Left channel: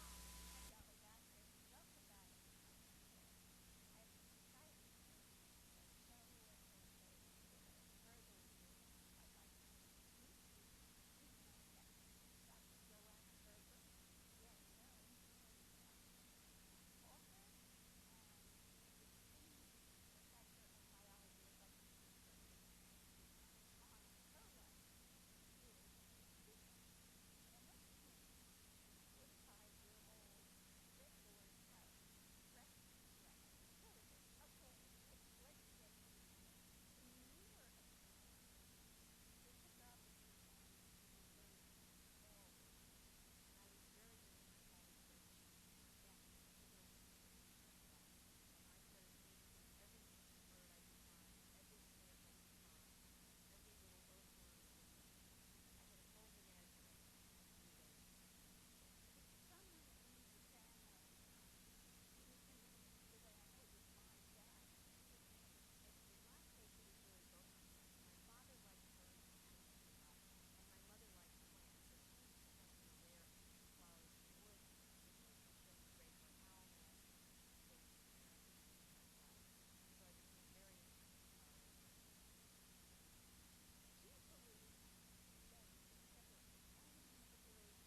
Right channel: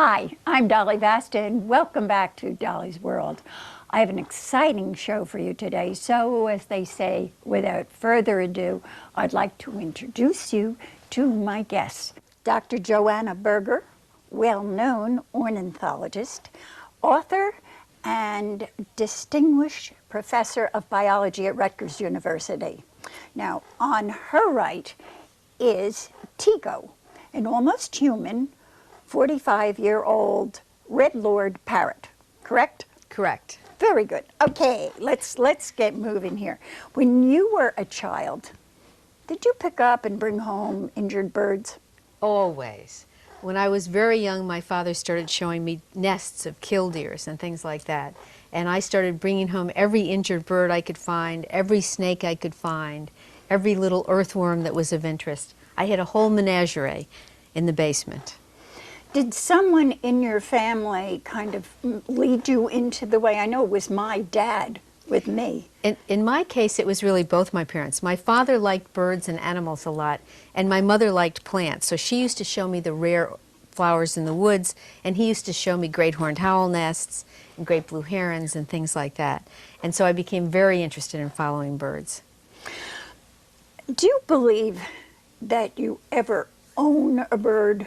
Hi, I'm Dolly Vasta, and welcome back to Dolly's World. I have an exciting show for you today, so as they say, without further ado, I'd like to introduce you to my guests. Dr. Joanne Berger, well-known ornithologist, author, and distinguished professor of biology at Rutgers University. Now, on her right is Tico, an almost human 45-year-old red lord parrot, correct? Correct. Very good. Okay, let's get moving here. When you were a child, did you pick up and bring home injured birds? Always. When I was very young, my father started showing me nests of killdeers and things like that. And I started bringing home every injured bird I could find, every snake I could find, every little earthworm that was of interest. I had a whole menagerie in the basement. Did someone in your family kind of lead you into the way? I know it was my dad with me. In my case, it was really both my parents. My father liked birds and animals a lot, and my mother liked plants. So she used to show me the rare flowers in the woods, and he used to show me great horned owl nests and great blue herons and things like that. And so I became very interested in following birds. Do you believe that you ever own a bird?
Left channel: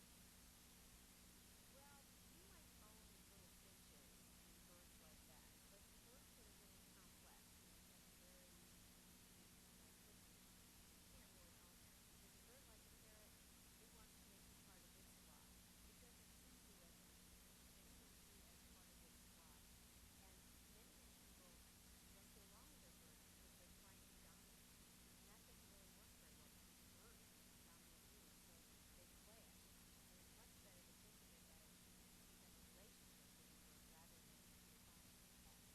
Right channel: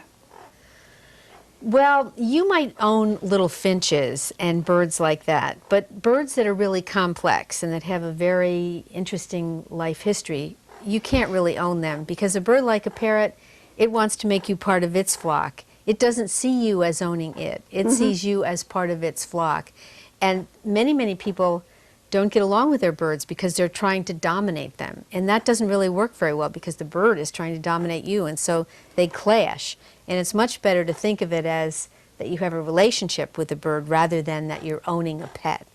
Well, you might own little finches and birds like that, but birds that are really complex and that have a very interesting life history, you can't really own them, because a bird like a parrot, it wants to make you part of its flock. It doesn't see you as owning it. It sees you as part of its flock. And many people don't get along with their birds because they're trying to dominate them. And that doesn't really work very well, because the bird is trying to dominate you, and so they clash. And it's much better to think of it as that you have a relationship with the bird rather than that you're owning a pet.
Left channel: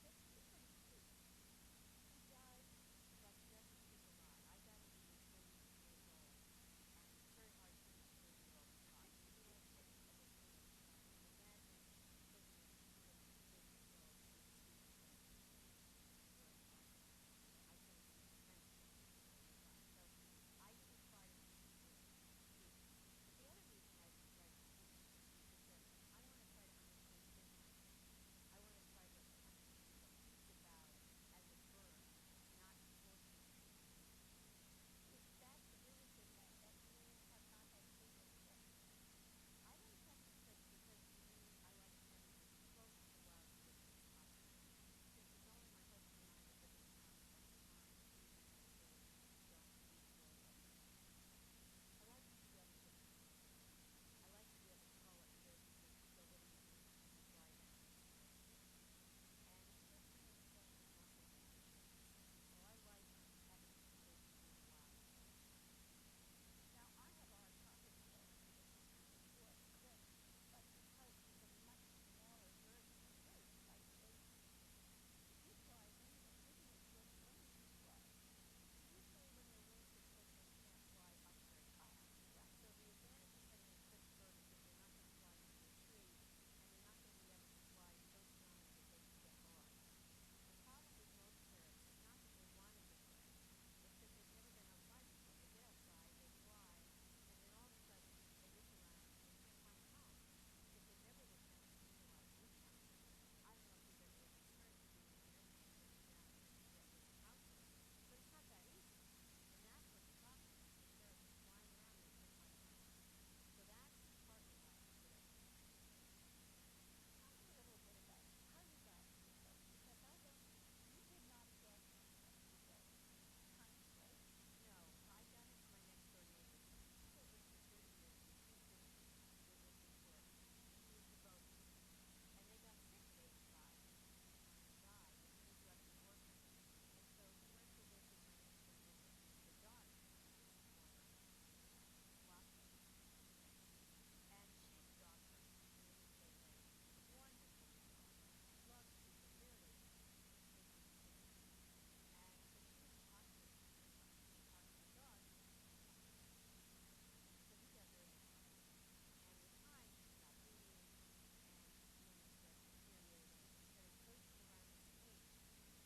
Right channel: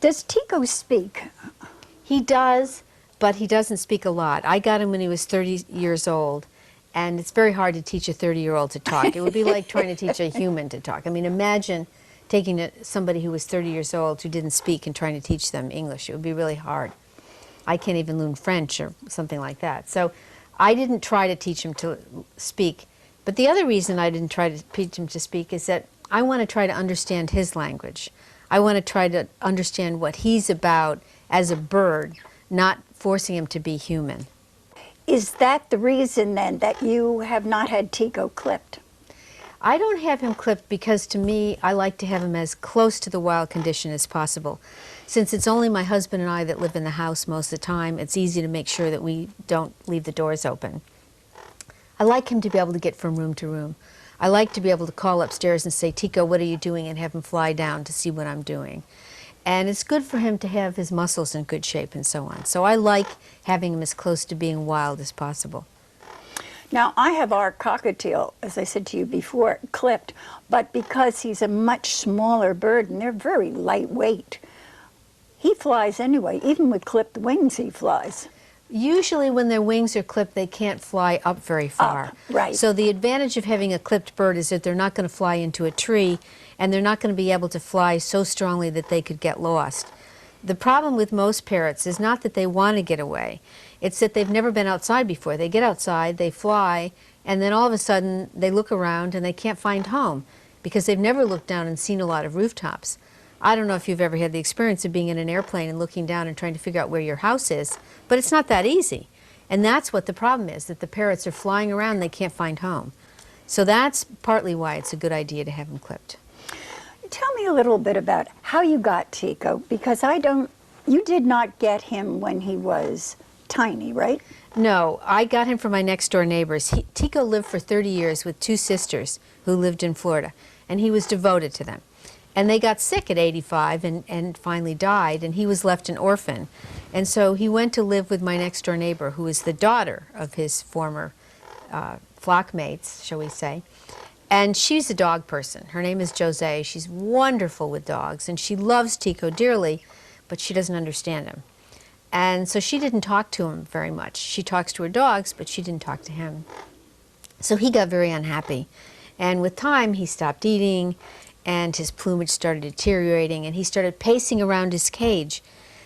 Does Tico speak? He does, but he doesn't speak a lot. I got him when he was 30 years old, and it's very hard to teach a 30-year-old to talk. It would be like trying to teach a human to talk. I mean, imagine taking somebody who was 30 years old who didn't speak and trying to teach them English. It would be really hard. I can't even learn French or something like that. So I didn't try to teach him to speak. But the other reason I didn't try to teach him to speak is that I want to try to understand his language. I want to try to understand what he's about as a bird, not forcing him to be human. Is that the reason then that you have not had Tico clipped? I don't have him clipped because, to me, I like to have him as close to the wild condition as possible. Since it's only my husband and I that live in the house most of the time, it's easy to make sure that we don't leave the doors open. I like him to be able to get from room to room. I like to be able to call upstairs and say, "Tico, what are you doing?" and have him fly down to see what I'm doing. And it's good for him to have his muscles in good shape and so on. So I like having him as close to being wild as possible. Now, I have our cockatiel, as I said to you before, clipped, but because he's a much smaller bird and they're very lightweight, he flies anyway. Even with clipped wings, he flies. Usually when their wings are clipped, they can't fly up very far. Right. So the advantage of having a clipped bird is that they're not going to fly into a tree, and they're not going to be able to fly so strongly that they could get lost. The problem with most parrots is not that they want to get away. It's that they've never been outside before. They get outside, they fly, and then all of a sudden they look around and they can't find home because they've never looked down and seen a lot of rooftops. I don't know if you've ever had the experience of being in an airplane and looking down and trying to figure out where your house is, but it's not that easy. And that's what the problem is, that the parrots are flying around and they can't find home. So that's partly why it's a good idea to have them clipped. Tell me a little bit about how you got Tico, because you did not get him when he was tiny, right? No, I got him from my next door neighbors. Tico lived for 30 years with two sisters who lived in Florida, and he was devoted to them. And they got sick at 85 and finally died, and he was left an orphan. And so he went to live with my next door neighbor, who is the daughter of his former flock mates, shall we say. And she's a dog person. Her name is Jose. She's wonderful with dogs, and she loves Tico dearly, but she doesn't understand him. And so she didn't talk to him very much. She talks to her dogs, but she didn't talk to him. So he got very unhappy. And with time, he stopped eating, and his plumage started deteriorating, and he started pacing around his cage,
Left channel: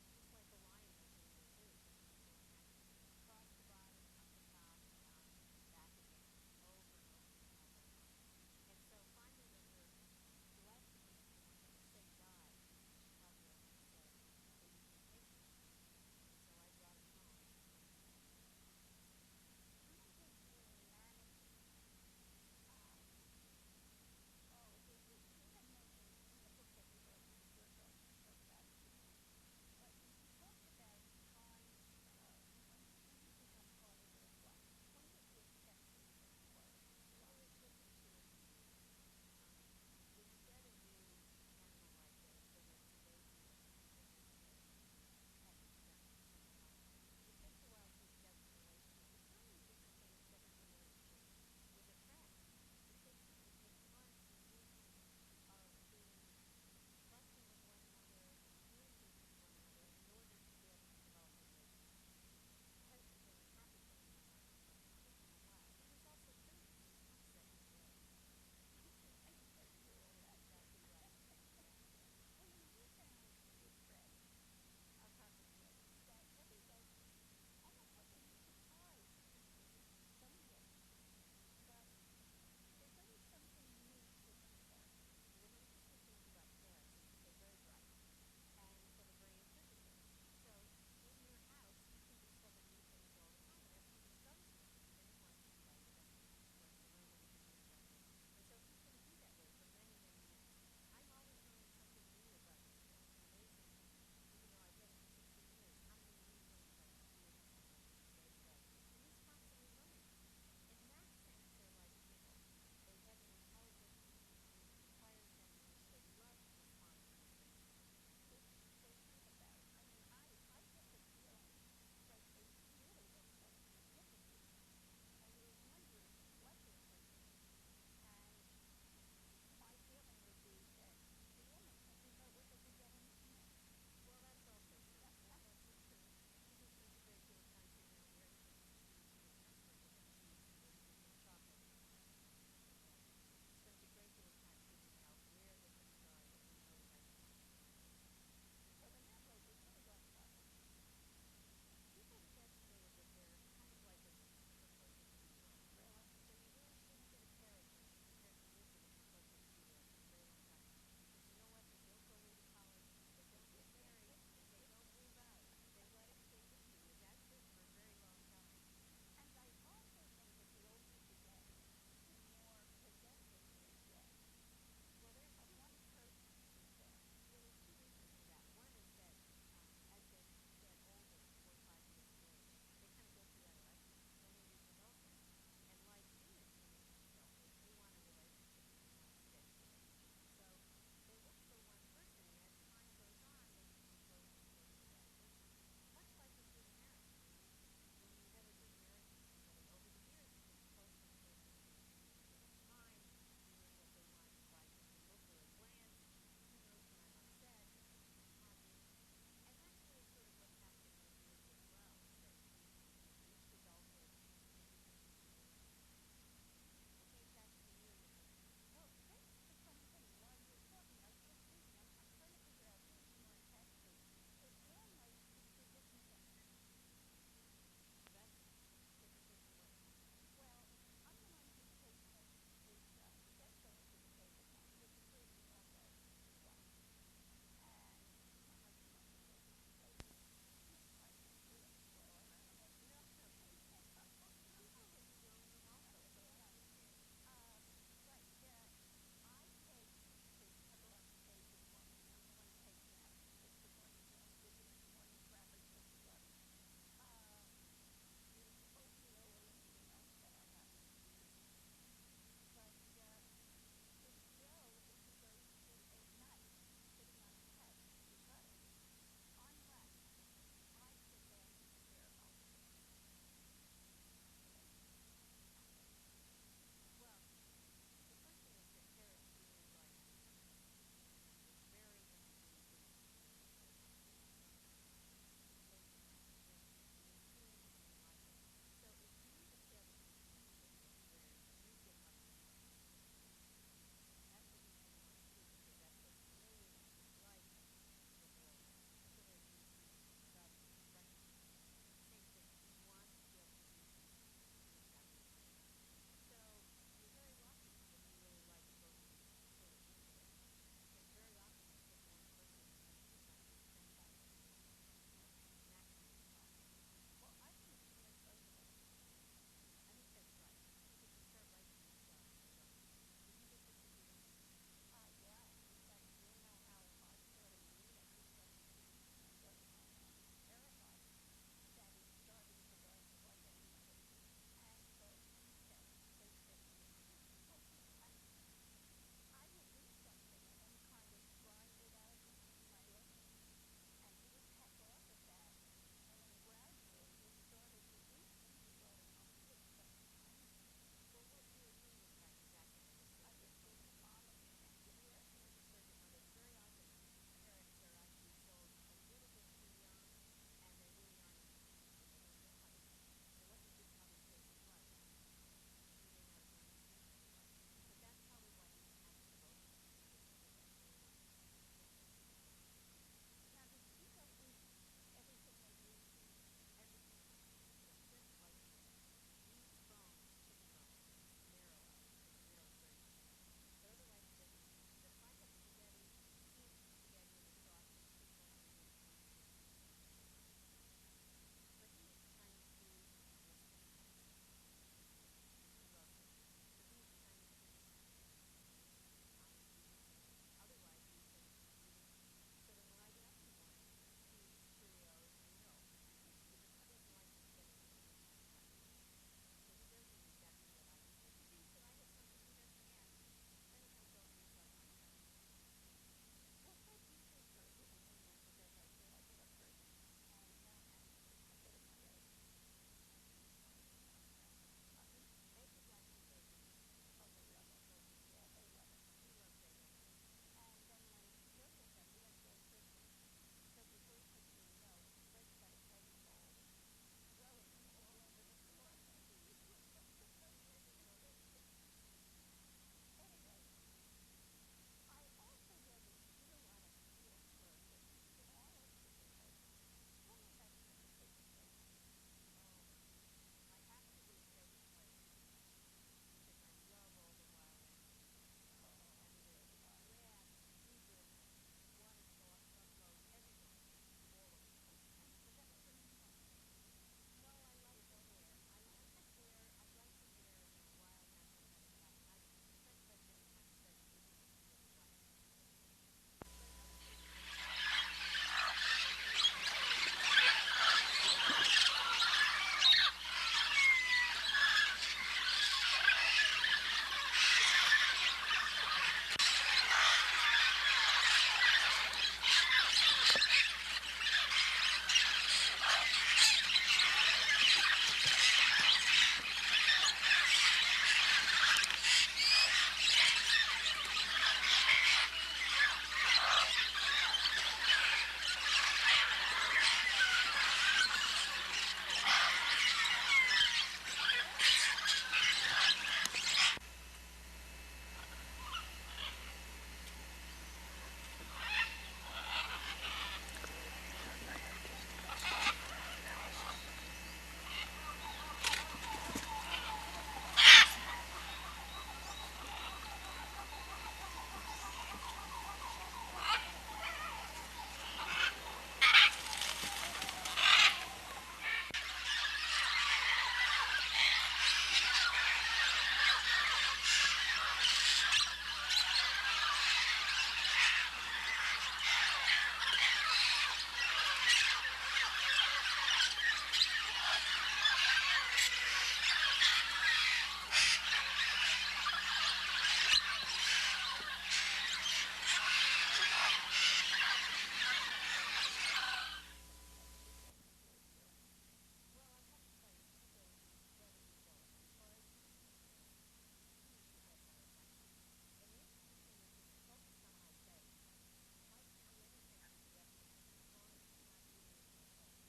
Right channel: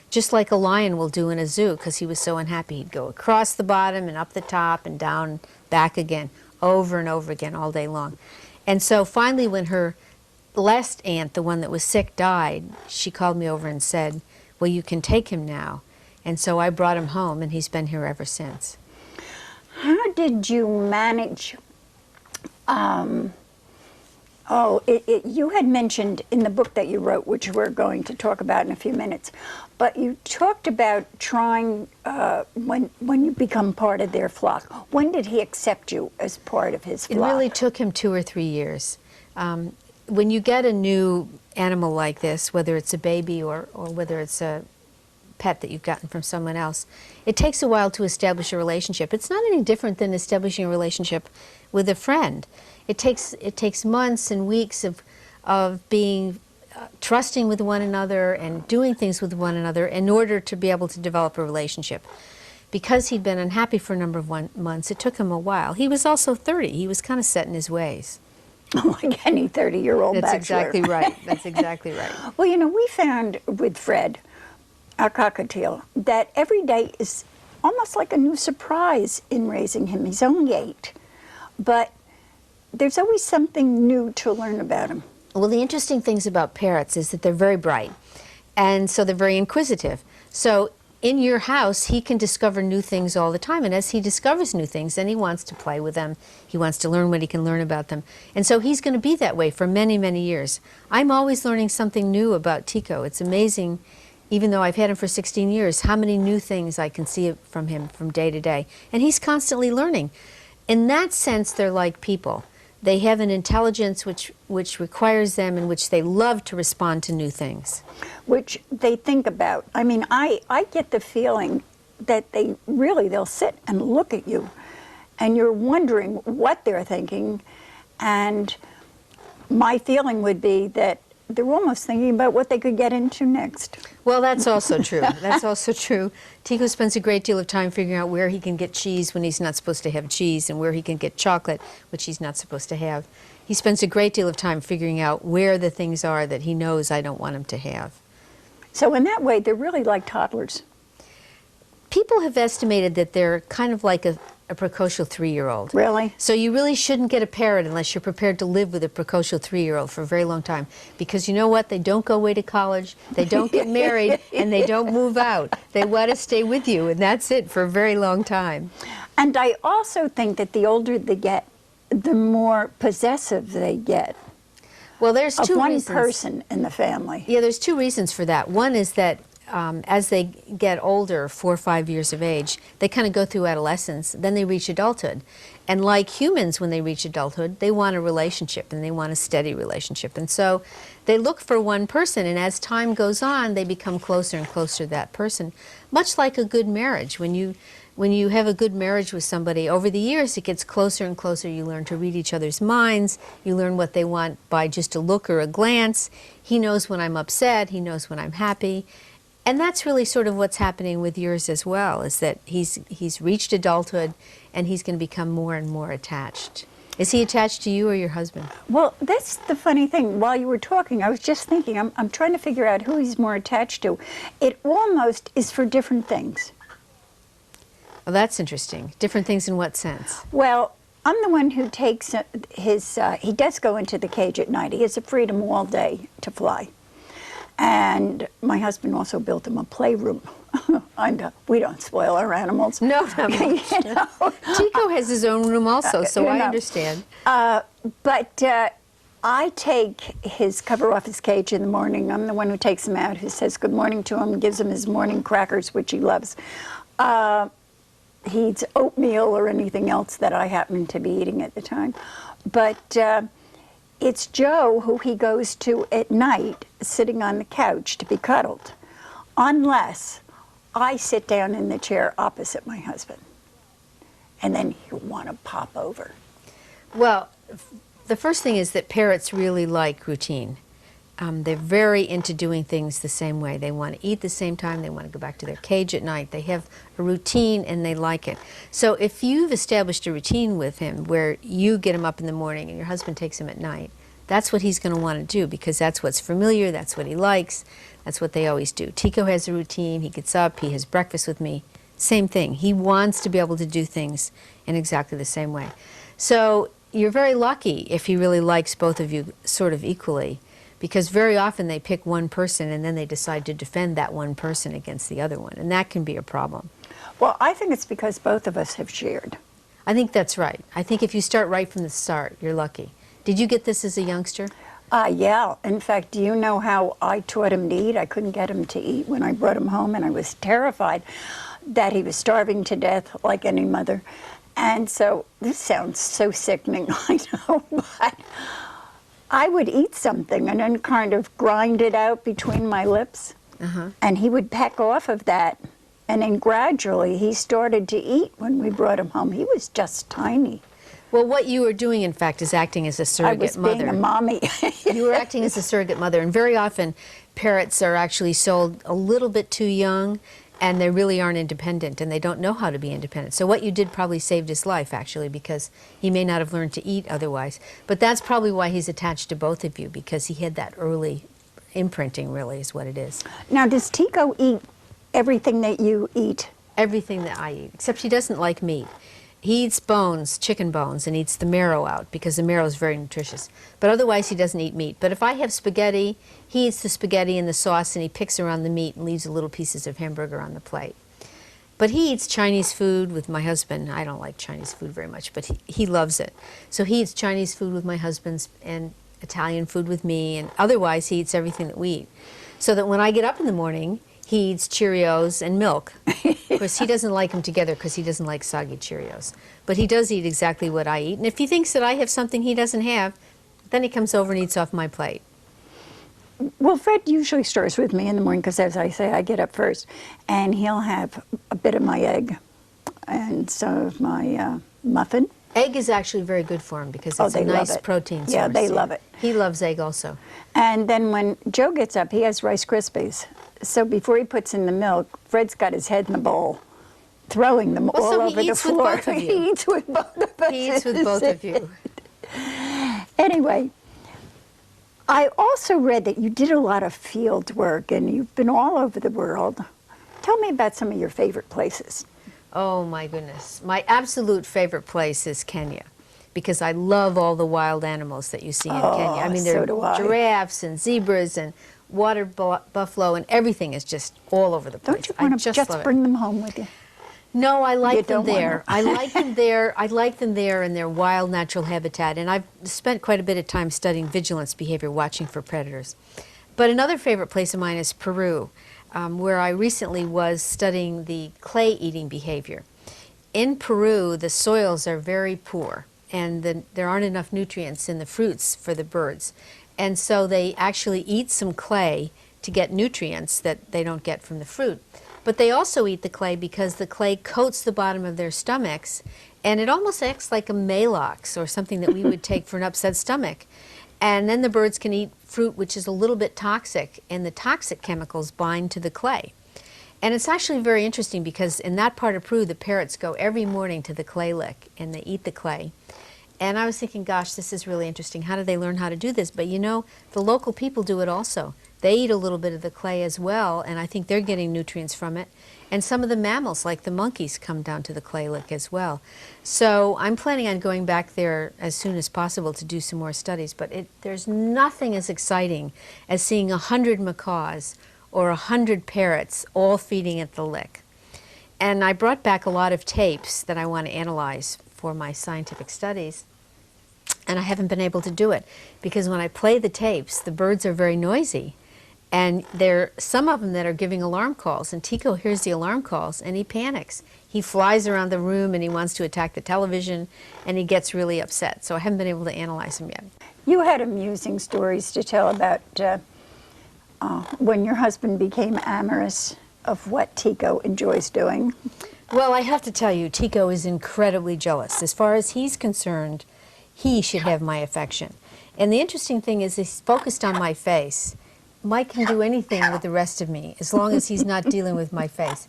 just like a lion will do in a zoo, because he was so unhappy. He'd go across the bottom and up the top and down, back again, over and over again all day long. And so finally when her last aunt, the one that was sick, died, she called me over and said, well, you can take him now. And so I brought him home, and he's been here ever since. How did you manage? You had mentioned in the book that you wrote, which we're going to talk about in a few minutes, but you talked about trying when you become part of their flock. When did he accept you as part of his flock? It really took him 2 or 3 years. When you get a new animal like this, whether it's a baby or whether it's a pet that you've gotten from someone else, it takes a while to establish a relationship. It's not any different than establishing a relationship with a friend. It takes months and weeks of being trusting with one another and doing things with one another in order to be able to develop a relationship. Because he'd been unhappy for a number of months, it took him a while. He was also 30. He was kind of set in his ways. Like any 30-year-old bachelor. That's exactly right. That's exactly right. Well, you know, we found with Fred, our cockatiel, that every day is almost like a new surprise in raising him. He's only 8, but there's always something new to learn about him. Well, the interesting things about parrots is that they're very bright, and so they're very inquisitive. So in your house, he can discover new things all the time, and as he discovers new things, then he wants to play with them. He wants to learn what he can learn about them. And so he's going to be that way for many, many years. I'm always learning something new about Tico. It's amazing, even though I've had him for 16 years, how many new things I can see from him from day to day. And he's constantly learning. In that sense, they're like people. They have an intelligence which requires them, in which they love to respond to new things. Which they think about. I mean, I get the feeling that they'll sit and look at you, and you're wondering what they're thinking, and my feeling would be that they're almost thinking about what they could get into next. Well, that's also true. That's also true. Tico spends a great deal of time figuring out where he can get cheese when he's not supposed to have cheese, and where he can get chocolate, which he's not supposed to have. He spends a great deal of time figuring out where the things are that he knows I don't want him to have. So in that way, they're really like toddlers. People have estimated that they're kind of like a precocial 3-year-old. Really? So you really shouldn't get a parrot unless you're prepared to live with a precocial 3-year-old for a very long time. Because you know what? They don't go away to college, they don't get married, and they don't move out. They want to stay with you, and that's it for a very long time. And I also think that the older they get, the more possessive they get. Well, there's two reasons. Of one person in the family. Yeah, there's 2 reasons for that. One is that as they get older, 4 or 5 years of age, they kind of go through adolescence, then they reach adulthood. And like humans, when they reach adulthood, they want a relationship, and they want a steady relationship. And so they look for one person, and as time goes on, they become closer and closer to that person. Much like a good marriage. When you have a good marriage with somebody, over the years it gets closer and closer. You learn to read each other's minds. You learn what they want by just a look or a glance. He knows when I'm upset. He knows when I'm happy. And that's really sort of what's happening with yours as well, is that he's reached adulthood, and he's going to become more and more attached. Is he attached to you or your husband? Well, that's the funny thing. While you were talking, I was just thinking, I'm trying to figure out who he's more attached to. It almost is for different things. Well, that's interesting. Different things in what sense? Well, I'm the one who takes he does go into the cage at night. He has the freedom all day to fly. And my husband also built him a playroom. We don't spoil our animals. No, no. You know? Tico has his own room also, so I understand. But I take his cover off his cage in the morning. I'm the one who takes him out, who says good morning to him, gives him his morning crackers, which he loves. He eats oatmeal or anything else that I happen to be eating at the time. But it's Joe who he goes to at night, sitting on the couch to be cuddled, unless I sit down in the chair opposite my husband. And then he'll want to pop over. Well, the first thing is that parrots really like routine. They're very into doing things the same way. They want to eat the same time. They want to go back to their cage at night. They have a routine, and they like it. So if you've established a routine with him where you get him up in the morning and your husband takes him at night, that's what he's going to want to do, because that's what's familiar, that's what he likes, that's what they always do. Tico has a routine. He gets up, he has breakfast with me. Same thing. He wants to be able to do things in exactly the same way. So you're very lucky if he really likes both of you sort of equally, because very often they pick one person and then they decide to defend that one person against the other one, and that can be a problem. Well, I think it's because both of us have shared. I think that's right. I think if you start right from the start, you're lucky. Did you get this as a youngster? Yeah. In fact, do you know how I taught him to eat? I couldn't get him to eat when I brought him home, and I was terrified that he was starving to death like any mother. And so, this sounds so sickening, I know, but I would eat something and then kind of grind it out between my lips, and he would peck off of that. And then gradually he started to eat when we brought him home. He was just tiny. Well, what you were doing, in fact, is acting as a surrogate mother. I was being a mommy. You were acting as a surrogate mother, and very often parrots are actually sold a little bit too young, and they really aren't independent, and they don't know how to be independent. So what you did probably saved his life, actually, because he may not have learned to eat otherwise. But that's probably why he's attached to both of you, because he had that early imprinting, really, is what it is. Now, does Tico eat everything that you eat? Everything that I eat, except he doesn't like meat. He eats bones, chicken bones, and eats the marrow out because the marrow is very nutritious. But otherwise, he doesn't eat meat. But if I have spaghetti, he eats the spaghetti and the sauce, and he picks around the meat and leaves the little pieces of hamburger on the plate. But he eats Chinese food with my husband. I don't like Chinese food very much, but he loves it. So he eats Chinese food with my husband and Italian food with me, and otherwise he eats everything that we eat. So that when I get up in the morning, he eats Cheerios and milk. Of course, he doesn't like them together because he doesn't like soggy Cheerios. But he does eat exactly what I eat. And if he thinks that I have something he doesn't have, then he comes over and eats off my plate. Well, Fred usually starts with me in the morning because, as I say, I get up first. And he'll have a bit of my egg and some of my muffin. Egg is actually very good for him because it's a nice protein source. Yeah, they love it. He loves egg also. And then when Joe gets up, he has Rice Krispies. So before he puts in the milk, Fred's got his head in the bowl, throwing them all over the floor. He eats with both of you. He eats with both of us. He eats with both of you. Anyway, I also read that you did a lot of field work and you've been all over the world. Tell me about some of your favorite places. Oh my goodness. My absolute favorite place is Kenya, because I love all the wild animals that you see in Kenya. I mean, there are giraffes and zebras and water buffalo, and everything is just all over the place. Don't you want to just bring them home with you? No, I like them there. I like them there. I like them there in their wild natural habitat, and I've spent quite a bit of time studying vigilance behavior, watching for predators. But another favorite place of mine is Peru, where I recently was studying the clay-eating behavior. In Peru, the soils are very poor, and there aren't enough nutrients in the fruits for the birds. And so they actually eat some clay to get nutrients that they don't get from the fruit. But they also eat the clay because the clay coats the bottom of their stomachs, and it almost acts like a Maalox or something that we would take for an upset stomach. And then the birds can eat fruit which is a little bit toxic, and the toxic chemicals bind to the clay. And it's actually very interesting because in that part of Peru, the parrots go every morning to the clay lick, and they eat the clay. And I was thinking, gosh, this is really interesting. How do they learn how to do this? But you know, the local people do it also. They eat a little bit of the clay as well, and I think they're getting nutrients from it. And some of the mammals, like the monkeys, come down to the clay lick as well. So I'm planning on going back there as soon as possible to do some more studies. But there's nothing as exciting as seeing 100 macaws or 100 parrots all feeding at the lick. And I brought back a lot of tapes that I want to analyze for my scientific studies. And I haven't been able to do it because when I play the tapes, the birds are very noisy. And there are some of them that are giving alarm calls. And Tico hears the alarm calls and he panics. He flies around the room and he wants to attack the television and he gets really upset. So I haven't been able to analyze him yet. You had amusing stories to tell about when your husband became amorous of what Tico enjoys doing. Well, I have to tell you, Tico is incredibly jealous. As far as he's concerned, he should have my affection. And the interesting thing is he's focused on my face. Mike can do anything with the rest of me as long as he's not dealing with my face.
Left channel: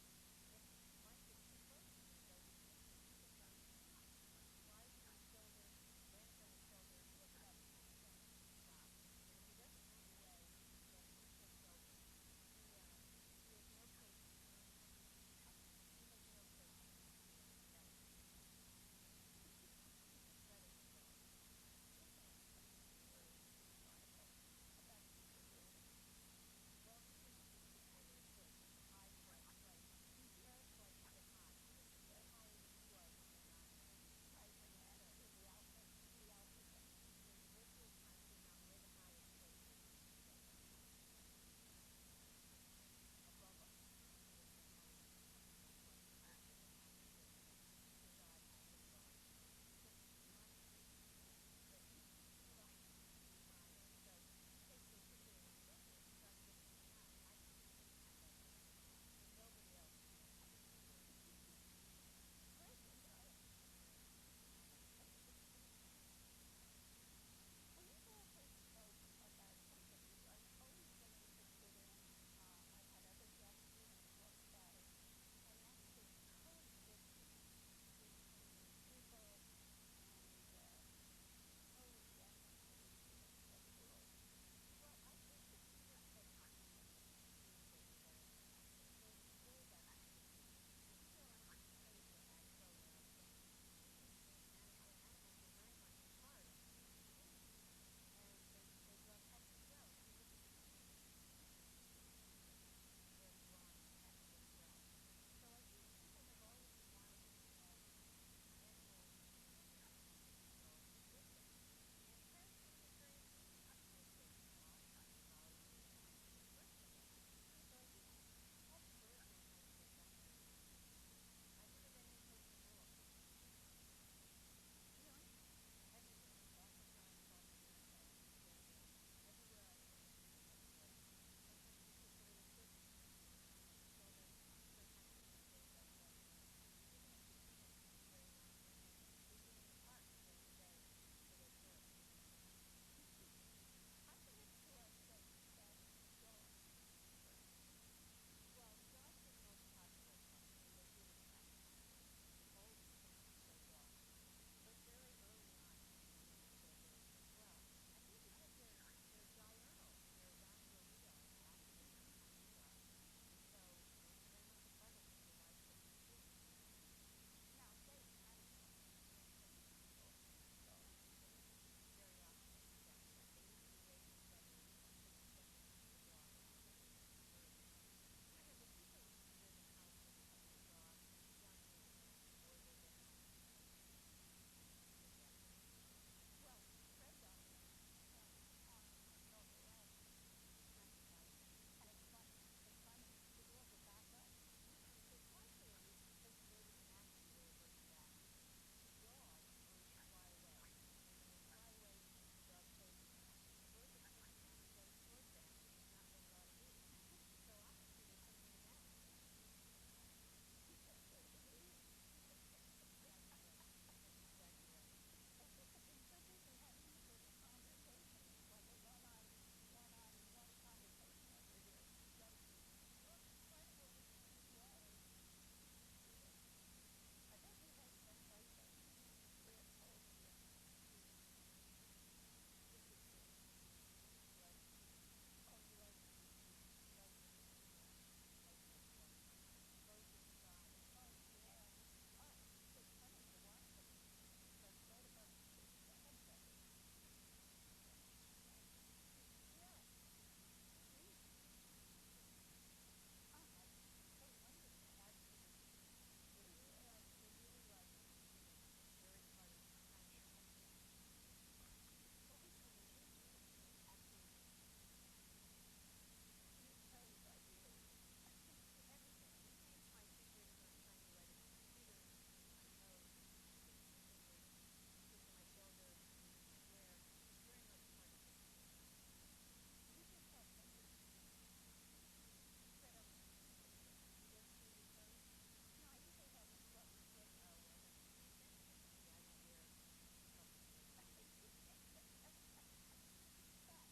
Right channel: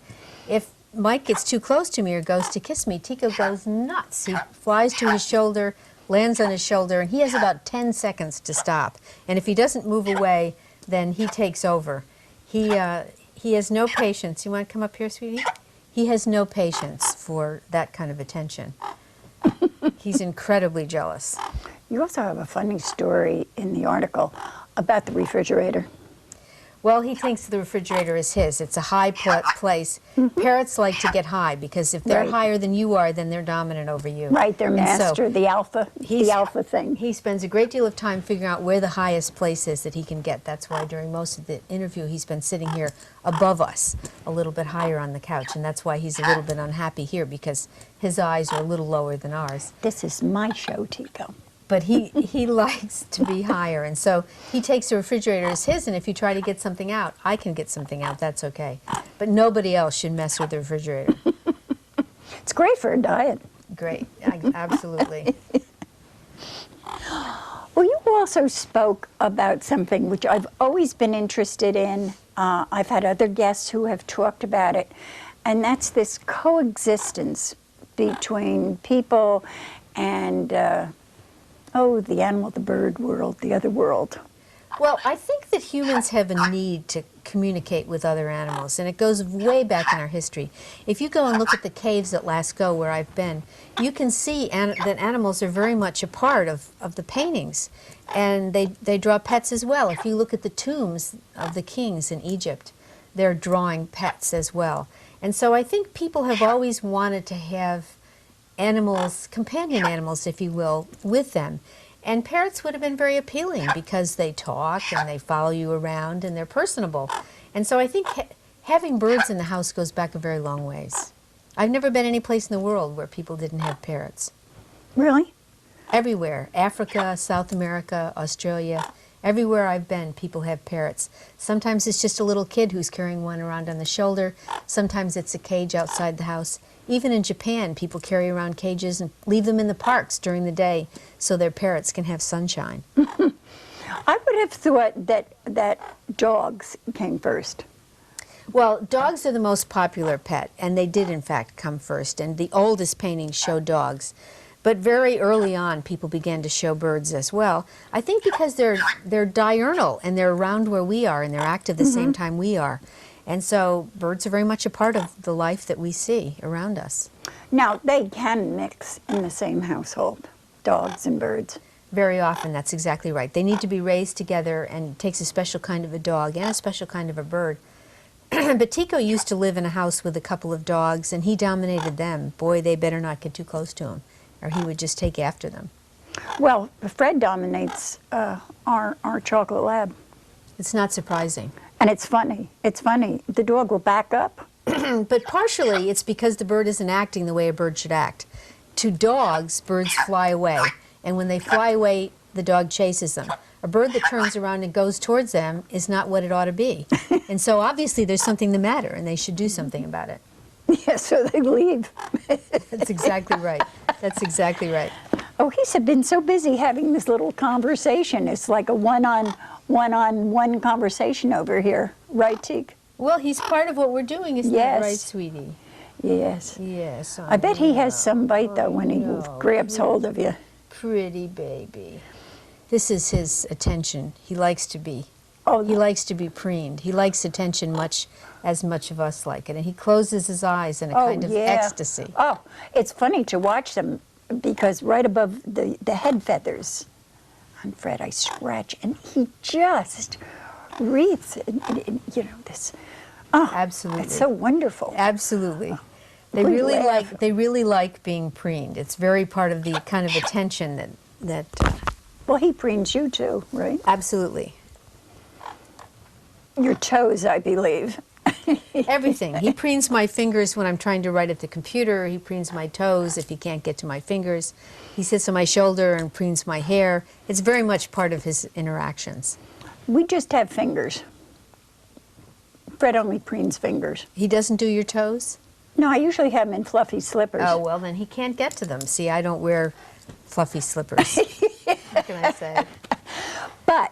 If Mike gets too close to me or goes to kiss me, Tico goes nuts. He flies to his shoulder, lands on his shoulder, and he has about 10 seconds to stop. And if he doesn't move away, then he takes over. He has no patience. You want to come up here, sweetie? He has no patience for that kind of attention. He's incredibly jealous. You also have a funny story in the article about the refrigerator. Well, he thinks the refrigerator is his. It's a high place. Parrots like to get high because if they're Right. higher than you are, then they're dominant over you. Right, their And master, the alpha thing. He spends a great deal of time figuring out where the highest place is that he can get. That's why during most of the interview he's been sitting here above us, a little bit higher on the couch, and that's why he's a little bit unhappy here because his eyes are a little lower than ours. This is my show, Tico. But he likes to be higher, and so he takes the refrigerator as his, and if you try to get something out, I can get something out, that's okay. But nobody else should mess with the refrigerator. It's great for a diet. Great, absolutely. Well, you also spoke about something which I've always been interested in. I've had other guests who have talked about it, and that's this coexistence between people and, the animal, the bird world, the other world. Well, I think that humans have a need to communicate with other animals, and it goes way back in our history. If you go and look at the caves at Lascaux, where I've been, you can see that animals are very much a part of the paintings, and they draw pets as well. If you look at the tombs of the kings in Egypt, they're drawing pets as well. And so I think people have always wanted to have animals, companion animals, if you will, with them. And parrots would have been very appealing because they talk and they follow you around and they're personable. And so I think having birds in the house goes back a very long ways. I've never been any place in the world where people didn't have parrots. Really? Everywhere. Africa, South America, Australia. Everywhere I've been, people have parrots. Sometimes it's just a little kid who's carrying one around on the shoulder. Sometimes it's a cage outside the house. Even in Japan, people carry around cages and leave them in the parks during the day so their parrots can have sunshine. I would have thought that dogs came first. Well, dogs are the most popular pet, and they did in fact come first, and the oldest paintings show dogs. But very early on, people began to show birds as well. I think because they're diurnal, and they're around where we are, and they're active the same time we are. And so birds are very much a part of the life that we see around us. Now, they can mix in the same household, dogs and birds. Very often, that's exactly right. They need to be raised together, and it takes a special kind of a dog and a special kind of a bird. But Tico used to live in a house with a couple of dogs, and he dominated them. Boy, they better not get too close to him, or he would just take after them. Well, Fred dominates our chocolate lab. It's not surprising. And it's funny. It's funny. The dog will back up. But partially, it's because the bird isn't acting the way a bird should act. To dogs, birds fly away, and when they fly away, the dog chases them. A bird that turns around and goes towards them is not what it ought to be. And so obviously there's something the matter, and they should do something about it. Yeah, so they leave. That's exactly right. That's exactly right. Oh, he's been so busy having this little conversation. It's like a one-on-one conversation over here. Right, Teak? Well, he's part of what we're doing, isn't that right, sweetie? Yes. Yes. I bet he has some bite, though, when he grabs hold of you. Pretty baby. This is his attention. He likes to be. Oh, He likes to be preened. He likes attention as much of us like it. And he closes his eyes in a kind of ecstasy. Oh, it's funny to watch them because right above the head feathers on Fred, I scratch, and he just wreathes, this. Oh, Absolutely. it's so wonderful. Absolutely. They We really laugh. like being preened. It's very part of the kind of attention that Well, he preens you too, right? absolutely. Your toes, I believe. Everything. He preens my fingers when I'm trying to write at the computer. He preens my toes if he can't get to my fingers. He sits on my shoulder and preens my hair. It's very much part of his interactions. We just have fingers. Fred only preens fingers. He doesn't do your toes? No, I usually have him in fluffy slippers. Oh, well, then he can't get to them. See, I don't wear fluffy slippers. What can I say? But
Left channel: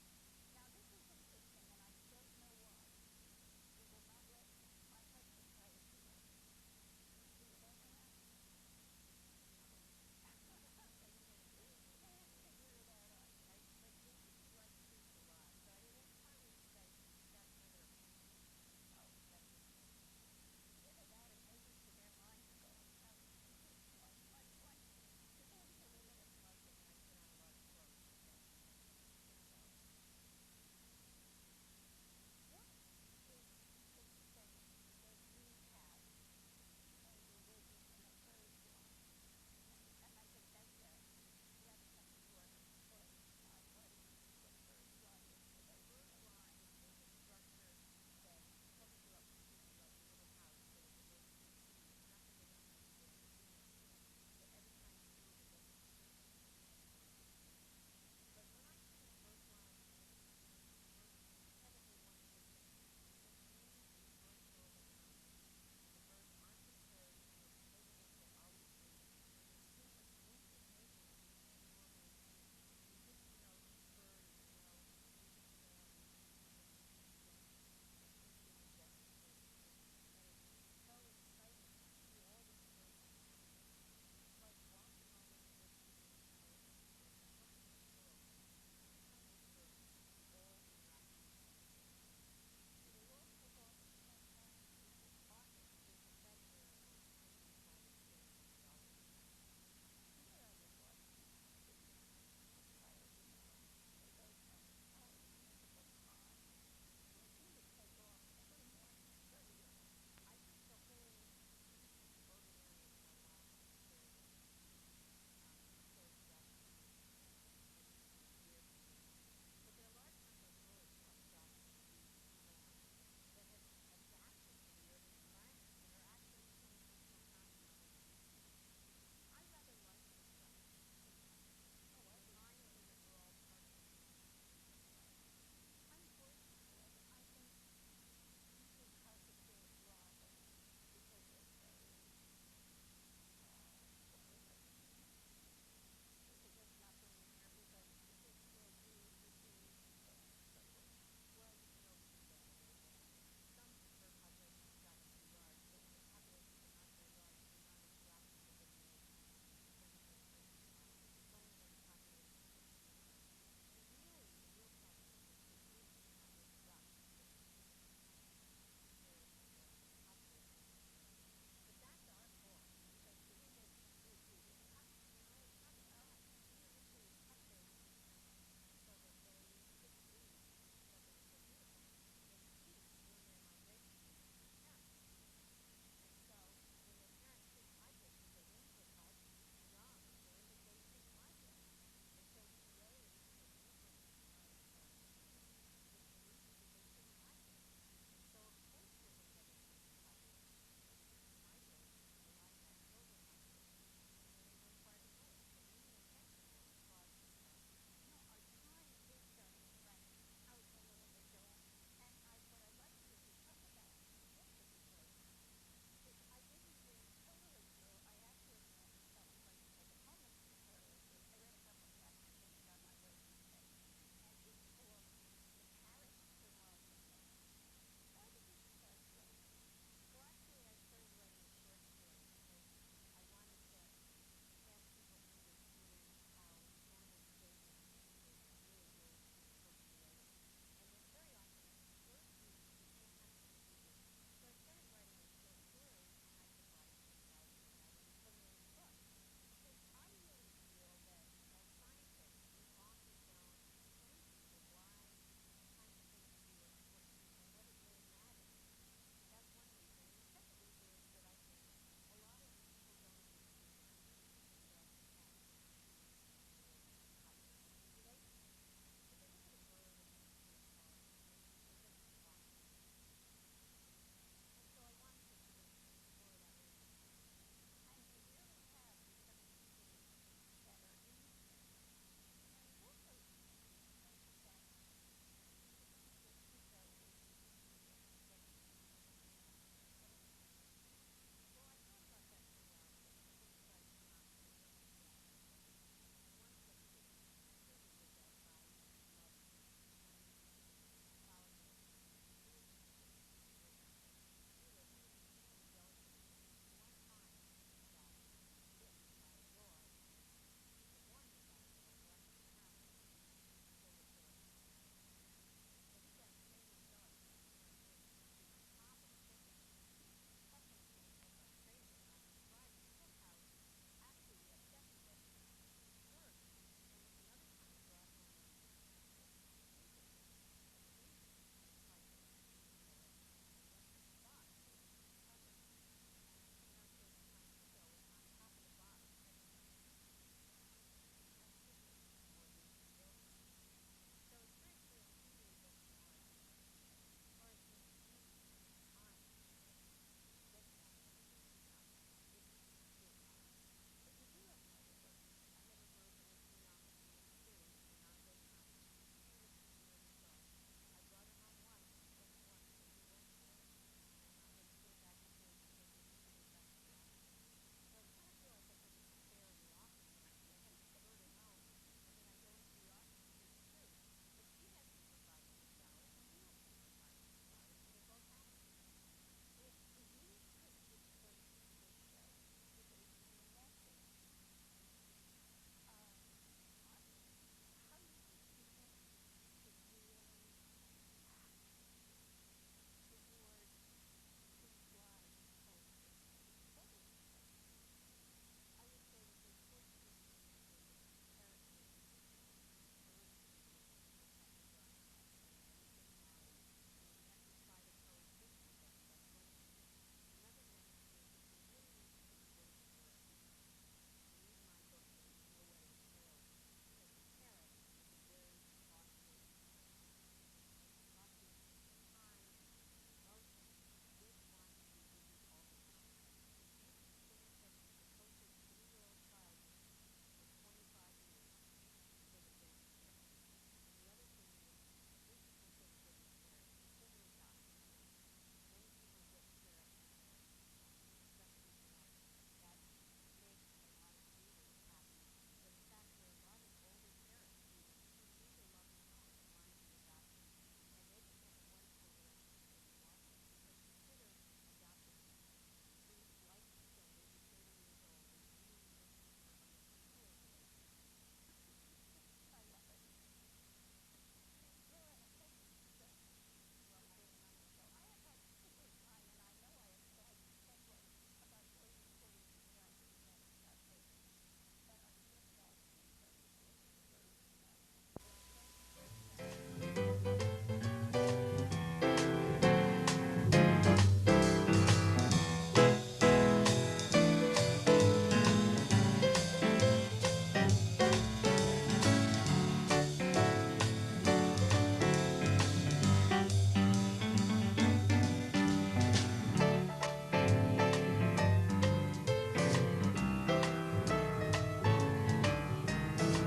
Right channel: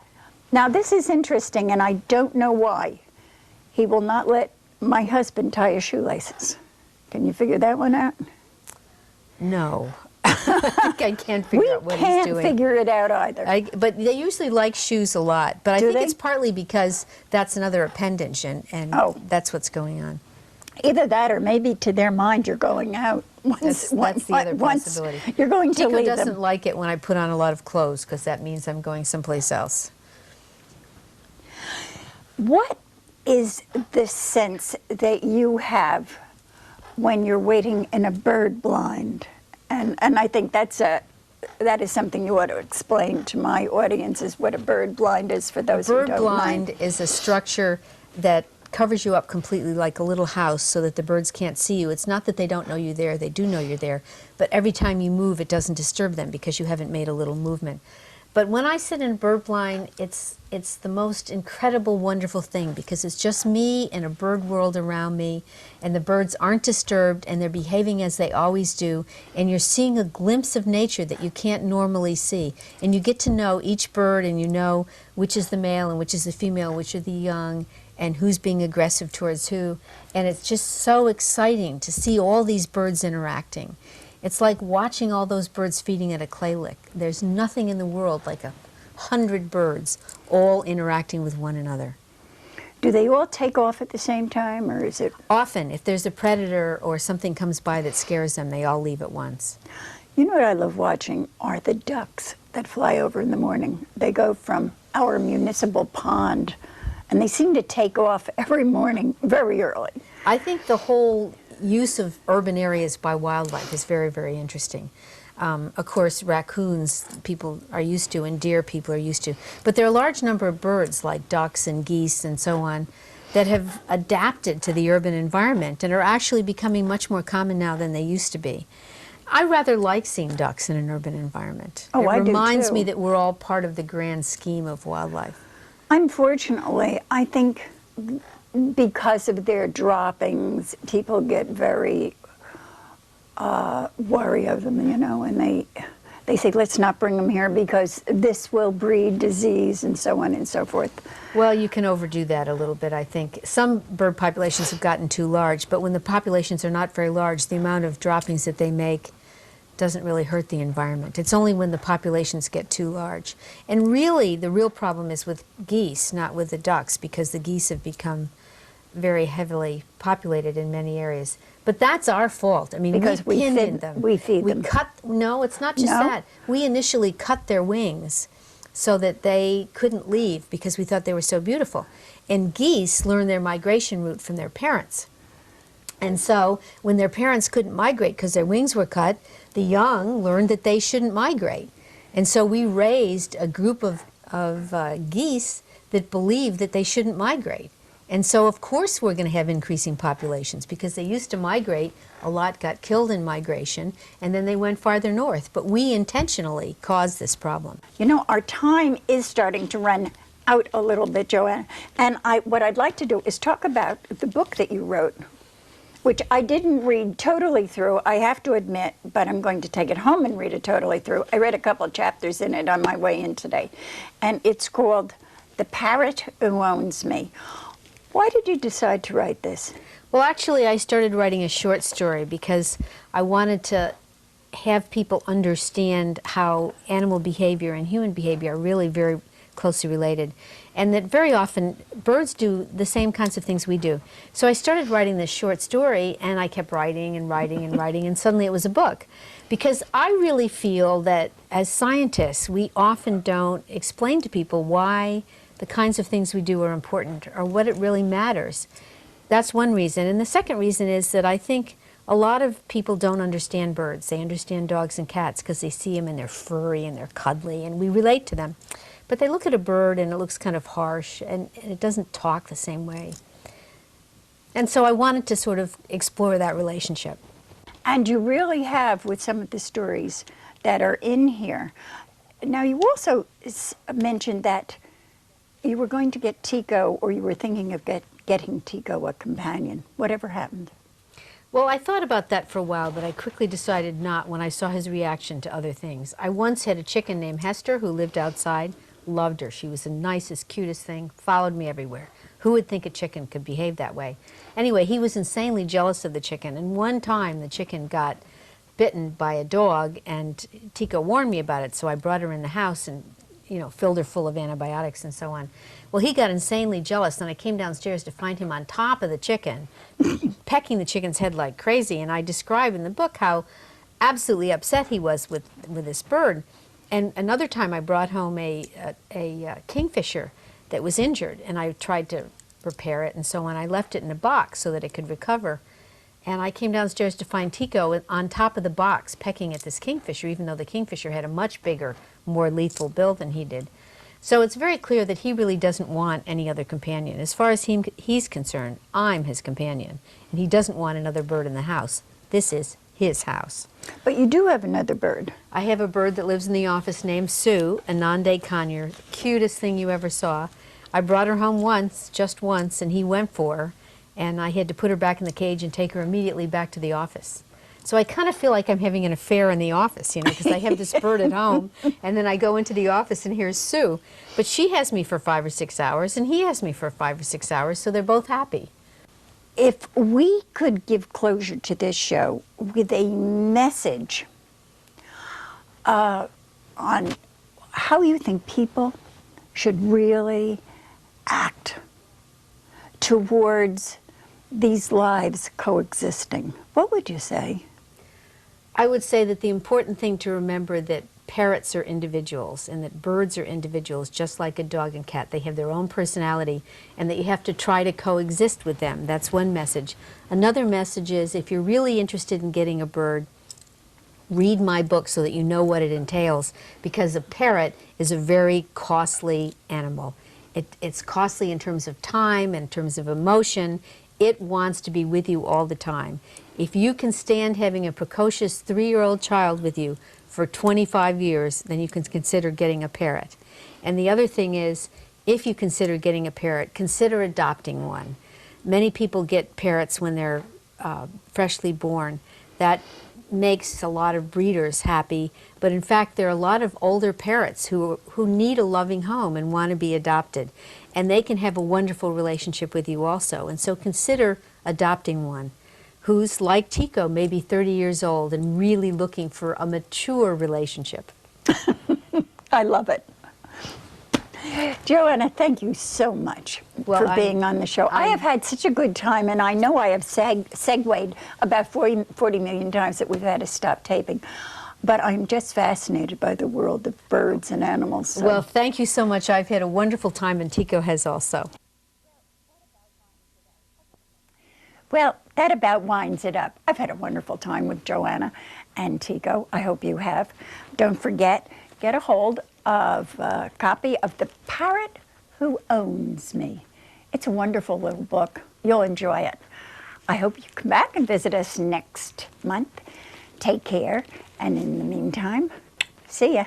now this is interesting, and I don't know why. He will not let my husband tie his shoelaces. Can you figure that one out? No. I can't figure out what he's doing. We can't figure it out either. But they usually like shoes a lot. But I Do think they? it's partly because that's another appendage, and Oh. that's what's going on. Either that or maybe to their mind you're going out. Once, That's the other once possibility. you're going to Tico leave doesn't them. like it when I put on a lot of clothes because that means I'm going someplace else. What is the sense that you have when you're waiting in a bird blind? And I think that is something you ought to explain to my audience, is what a bird blind is for those who Bird don't blind know. is a structure that covers you up completely like a little house so that the birds can't see you. It's not that they don't know you're there, they do know you're there, but every time you move it doesn't disturb them because you haven't made a little movement. But when I sit in bird blind, it's the most incredible, wonderful thing because it's just me and a bird world around me, and the birds aren't disturbed and they're behaving as they always do, and you're seeing a glimpse of nature that you can't normally see. And you get to know each bird, and you know which is the male and which is the female, which are the young, and who's being aggressive towards who. And it's just so exciting to see all these birds interacting. It's like watching all those birds feeding at a clay lick. There's nothing in the world like 100 birds all interacting with one another. Do they all take off at the same time, or is it? Often, if there's a predator or something comes by that scares them, they all leave at once. You know what I love watching are the ducks that fly over in the morning. They go from our municipal pond, and they seem to take off every morning very early. I think the whole use of urban areas by wildlife is very, very interesting. Of course, raccoons people are used to, and deer people are used to. But there are a large number of birds, like ducks and geese and so on, that have adapted to the urban environment and are actually becoming much more common now than they used to be. I rather like seeing ducks in an urban environment. Oh, I It do reminds too. me that we're all part of the grand scheme of wildlife. Unfortunately, I think because of their droppings, people get very worry of them, you know, and they say, let's not bring them here because this will breed disease and so on and so forth. Well, you can overdo that a little bit, I think. Some bird populations have gotten too large, but when the populations are not very large, the amount of droppings that they make doesn't really hurt the environment. It's only when the populations get too large. And really, the real problem is with geese, not with the ducks, because the geese have become very heavily populated in many areas. But that's our fault. I mean, Because we we pinned feed- them. we feed them. No, it's not just No? that. We initially cut their wings so that they couldn't leave because we thought they were so beautiful. And geese learn their migration route from their parents. And so when their parents couldn't migrate because their wings were cut, the young learned that they shouldn't migrate. And so we raised a group of geese that believed that they shouldn't migrate. And so of course we're going to have increasing populations because they used to migrate, a lot got killed in migration, and then they went farther north. But we intentionally caused this problem. You know, our time is starting to run out a little bit, Joanne. And what I'd like to do is talk about the book that you wrote, which I didn't read totally through, I have to admit, but I'm going to take it home and read it totally through. I read a couple of chapters in it on my way in today. And it's called The Parrot Who Owns Me. Why did you decide to write this? Well, actually, I started writing a short story because I wanted to have people understand how animal behavior and human behavior are really very closely related, and that very often birds do the same kinds of things we do. So I started writing this short story, and I kept writing and writing and writing, and suddenly it was a book. Because I really feel that as scientists, we often don't explain to people why the kinds of things we do are important or what it really matters. That's one reason. And the second reason is that I think a lot of people don't understand birds. They understand dogs and cats because they see them and they're furry and they're cuddly and we relate to them. But they look at a bird and it looks kind of harsh and it doesn't talk the same way. And so I wanted to sort of explore that relationship. And you really have with some of the stories that are in here. Now, you also mentioned that you were going to get Tico, or you were thinking of getting Tico a companion. Whatever happened? Well, I thought about that for a while, but I quickly decided not when I saw his reaction to other things. I once had a chicken named Hester who lived outside, loved her. She was the nicest, cutest thing, followed me everywhere. Who would think a chicken could behave that way? Anyway, he was insanely jealous of the chicken, and one time the chicken got bitten by a dog, and Tico warned me about it, so I brought her in the house and filled her full of antibiotics and so on. Well, he got insanely jealous, and I came downstairs to find him on top of the chicken, pecking the chicken's head like crazy. And I describe in the book how absolutely upset he was with this bird. And another time I brought home a kingfisher that was injured, and I tried to repair it and so on. I left it in a box so that it could recover. And I came downstairs to find Tico on top of the box pecking at this kingfisher, even though the kingfisher had a much bigger, more lethal bill than he did. So it's very clear that he really doesn't want any other companion. As far as he's concerned, I'm his companion, and he doesn't want another bird in the house. This is his house. But you do have another bird. I have a bird that lives in the office named Sue, a Nonday conure, cutest thing you ever saw. I brought her home once, just once, and he went for her, and I had to put her back in the cage and take her immediately back to the office. So I kind of feel like I'm having an affair in the office, you know, because I have this bird at home, and then I go into the office and here's Sue. But she has me for 5 or 6 hours, and he has me for 5 or 6 hours, so they're both happy. If we could give closure to this show with a message on how you think people should really act towards these lives coexisting, what would you say? I would say that the important thing to remember that parrots are individuals and that birds are individuals, just like a dog and cat. They have their own personality, and that you have to try to coexist with them. That's one message. Another message is, if you're really interested in getting a bird, read my book so that you know what it entails, because a parrot is a very costly animal. It's costly in terms of time, in terms of emotion. It wants to be with you all the time. If you can stand having a precocious 3-year-old child with you for 25 years, then you can consider getting a parrot. And the other thing is, if you consider getting a parrot, consider adopting one. Many people get parrots when they're freshly born. That makes a lot of breeders happy, but in fact there are a lot of older parrots who need a loving home and want to be adopted. And they can have a wonderful relationship with you also. And so consider adopting one who's like Tico, maybe 30 years old and really looking for a mature relationship. I love it. Joanna, thank you so much for being on the show. I have had such a good time, and I know I have segued about 40 million times that we've had to stop taping. But I'm just fascinated by the world of birds and animals. So. Well, thank you so much. I've had a wonderful time, and Tico has also. Well, that about winds it up. I've had a wonderful time with Joanna and Tico. I hope you have. Don't forget, get a hold of a copy of The Parrot Who Owns Me. It's a wonderful little book. You'll enjoy it. I hope you come back and visit us next month. Take care, and in the meantime, see ya.